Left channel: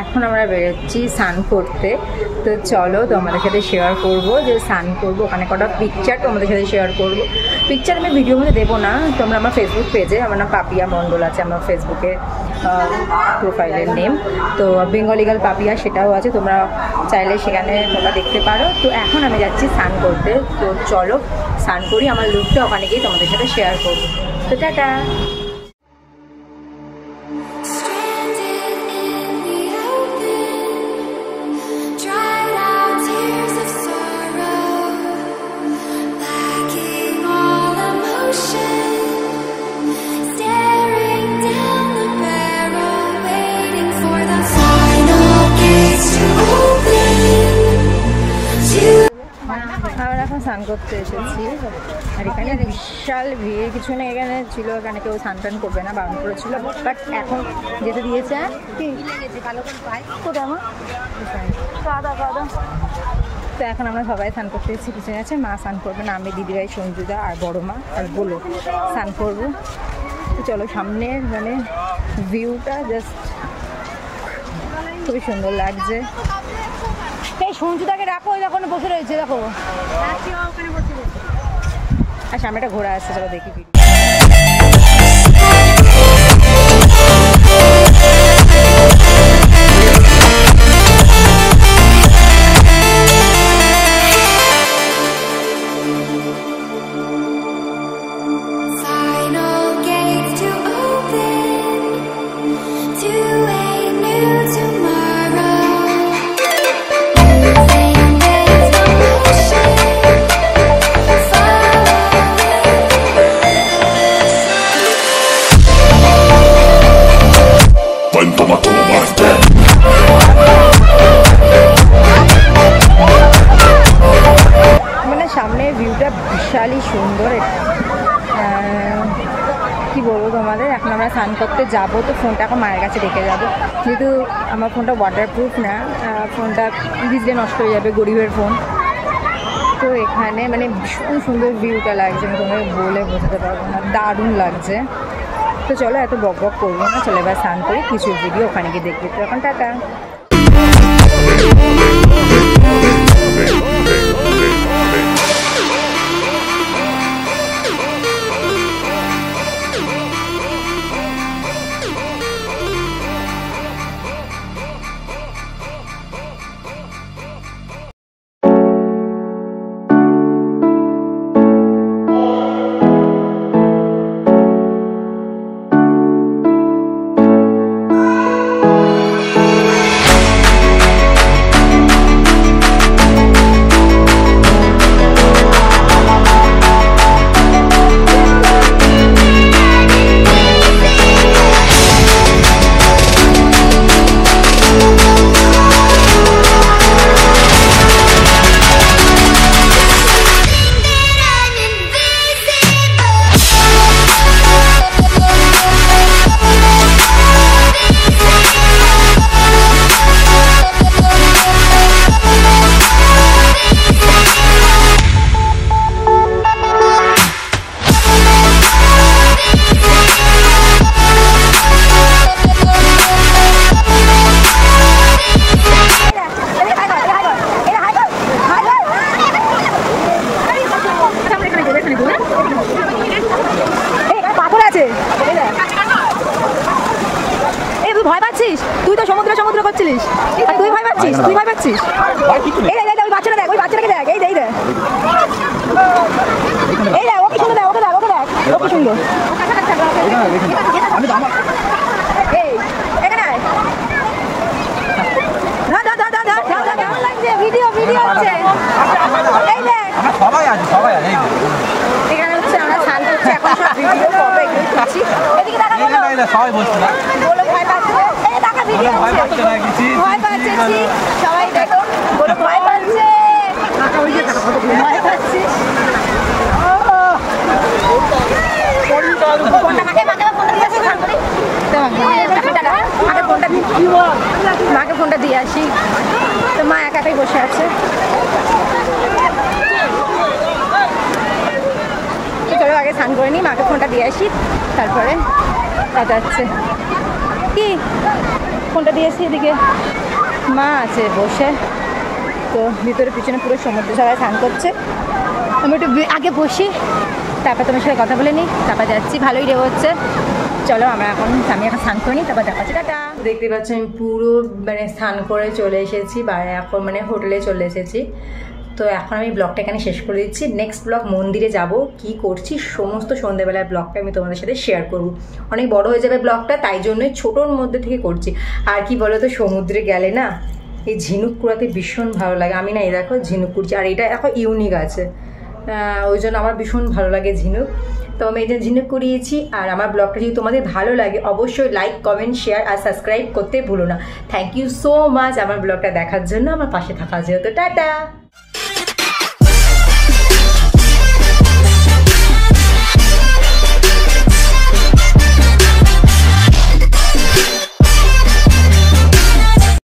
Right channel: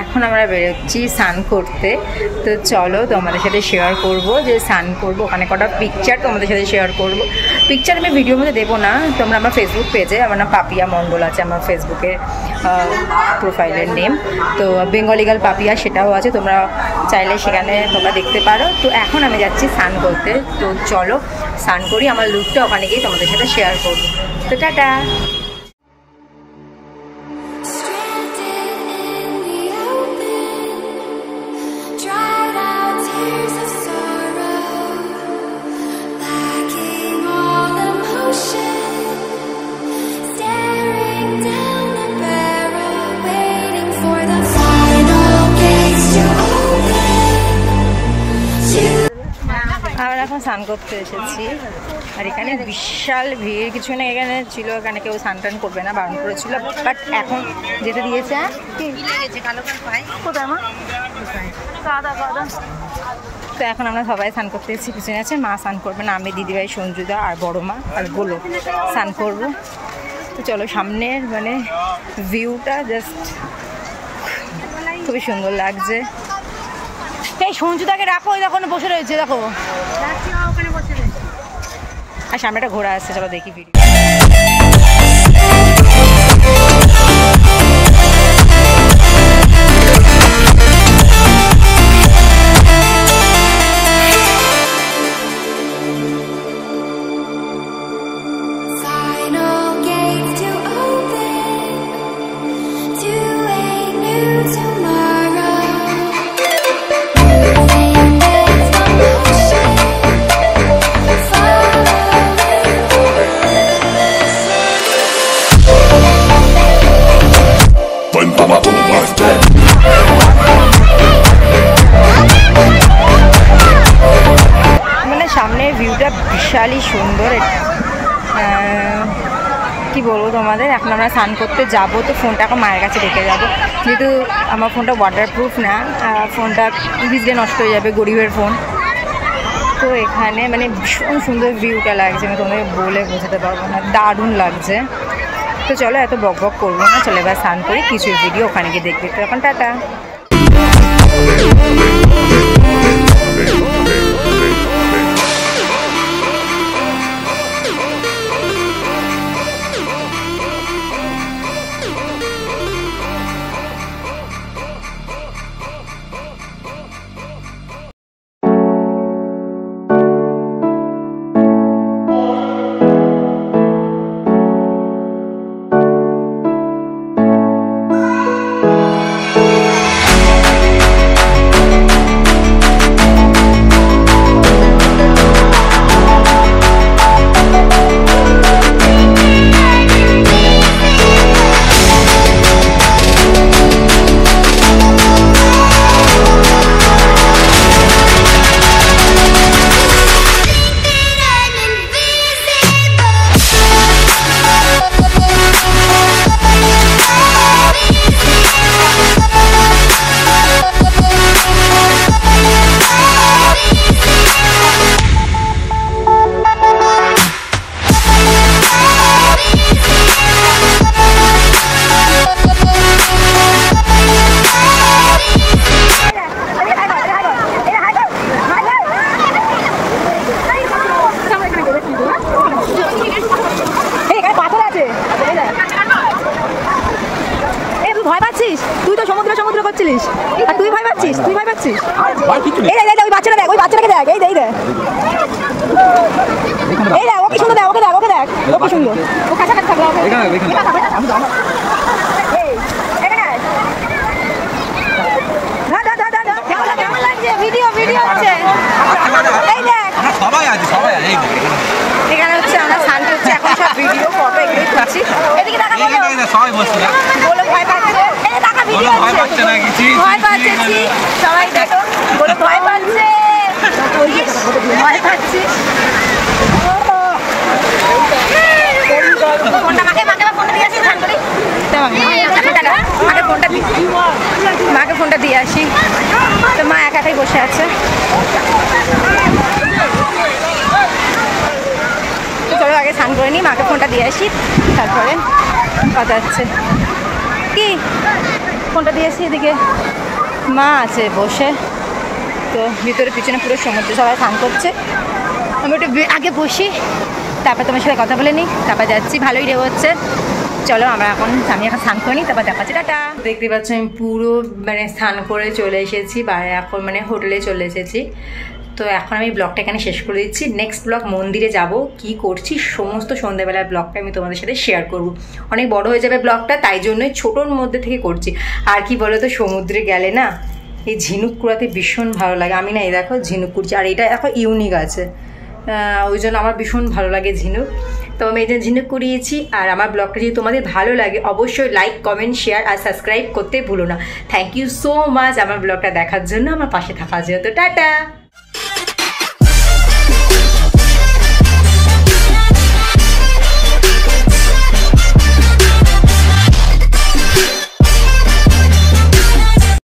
এখন আমরা বেরোচ্ছি স্নান করতে। তো চলো তোমাদের সাথে শেয়ার করব যে স্নান করবো, ওখানে কটা পিকচার তোমাদের সাথে শেয়ার করব। পিকচার আমি ভিডিওর মধ্যে দেবো না, তোমরা আমার ফেসবুক পেজে, আমার নাম পাপিয়া মণ্ডল আছে আমার ফেসবুকের প্রোফাইলের নেম, তো বেঙ্গলি গার্ল পাপিয়া সেটাও আছে, তোমরা চাইলে সেখানে তোমরা দেখতে পারো। তো এখন আমি যাচ্ছি স্নান করতে, তো চলো স্নান করি, আমার লুকটা ওখানে গিয়ে তোমাদের সাথে শেয়ার করবো। তো টাটা। আমরা এখন স্নান করতে এসেছি, আর এখানে বিশাল ভিড়, কিছু না এখানে ছিল, এখানে কেউ স্নান টান করবে না, বারণ করেছিল, বাট এখন যেতে দিয়েছে। কোথায় মা? কাদা কাদা। তো এখন আমরা সবাই স্নান করতে এসেছি, পিছনে আছে মা স্নান করবে না, আমি দিদিভাই সঞ্জুদা আর বড় মা আর গোলো স্নান করবো। তো চলো, সামনের মানে ভিউটা জাস্ট খুবই সুন্দর লাগছে। এই সঞ্জুদাকে রাখো, ওই দেখো বসে রয়েছে, দেখো আর সামনে একটা ঘোড়া আসছে, চলো দেখি ভিডিও। সামনের ভিউটা বিশালই সুন্দর, কি বলবো তোমাদের। এখন আমরা স্নান করতে যাব, তো ফোনটা এখন মায়ের কাছে রেখে যাব, যেহেতু আমার ফোনটা ওয়াটারপ্রুফ না, ফোনটা ভিজলে নষ্ট হয়ে যাবে, গরিবের ফোন। তো এখানে মানে ভীষণ সুন্দর ভিউটা লাগছে, আমি তোমাদের বলে বোঝাতে পারবো না, দারুণ লাগছে। তো চলো এত বক বক করবো না, চলো এবার স্নান করি, কিছু ভিডিও ওখানে গিয়ে দেখবি। তো এখন টাটা। ভয় পাচ্ছিস? তুই তো সমুদ্র সমুদ্র করছিলিস, আর তুই ভয় পাচ্ছিস? তুই ভয় পাচ্ছিস? এই দেখ, ওই বাচ্চাটা দেখ, ওই বাচ্চাটাকে দেখ, এই দেখ, এই দেখ, ওকে সুন্দর দেখ, ওকে দেখ, ওকে দেখ, ওকে সুন্দর। এই এখানে আয়, কেমন লাগছে? ভিডিও ভিডিও হচ্ছে, এই দেখ সবাই আছে, সবাই আছে। এখানে হচ্ছে আমরা স্নান করছি, এখন সব ভিডিও ফটো এগুলোই তুলছি। এদিকে দেখা বলো, সবাই বলছে না বলো ভয় পাচ্ছে, এই দেখা ভিডিও হচ্ছে, ভয় পাচ্ছে সবাই, দেখো বলো ভয় পাচ্ছে, ভয় পাচ্ছি। ফোনটা মাকে ফোনটা দিয়ে আসি, স্নান করি, মাকে ফোনটা দিয়ে আসি। তো মা একা একাই বসে আছে। তো চলো আগে স্নান করে নিই, মাকে ফোনটা দিয়ে আসি, তারপরে কথা হচ্ছে। কি ফোনটা দিয়েছি, এদিকে মা আছে বসে, তো ভিতরে পিছনে পুরো সমুদ্রে সবাই স্নান করছে। আমি একটু আগে বসি, তারপর তোমার সাথে কথা বলে নিই, তারপর যাচ্ছি। ভালোই ঢেউ হচ্ছে, চলো আমি এখন স্নান করে নিই, তারপর দেখাচ্ছি। টাটা। দেখতে পাচ্ছ আমি পুরো মানে স্নান করে চলে এসেছি, বাইরে এখন মানে হোটেলে চলে এসেছি। তো এখন আমি ব্লগটা এখানে শেষ করে দিচ্ছি। নেক্সট ব্লগ মন্দিরে যাব, কি করছি সমস্ত সন্ধ্যেবেলার ব্লগটা আমি তোমাদের সাথে শেয়ার করব। অনেক বড় হয়ে যাবে ব্লগটা, তাই জন্যই ছোটোর মধ্যে থেকে করছি। আর কি বলো তো, সমুদ্রে গেলে না এই ঝিনুক কুড়াতে ভীষণ ভালো লাগে। আমি না এই দেখো ঝিনুক কুড়ছি, আর এটা দেখো ইউনিক আছে, ওই জন্য আমার ভীষণ ভালো লাগে ঝিনুক। তো আমি এই জন্য ঝিনুক কুড়িয়েছি। আর আমার ব্লগটা যদি তোমাদের ভালো লাগে অবশ্যই লাইক, কমেন্ট, শেয়ার আর সাবস্ক্রাইব করতে ভুলো না। থ্যাংক ইউ সো মাচ আমার ব্লগটা দেখার জন্য, আমার পাশে থাকার জন্য। তো টাটা।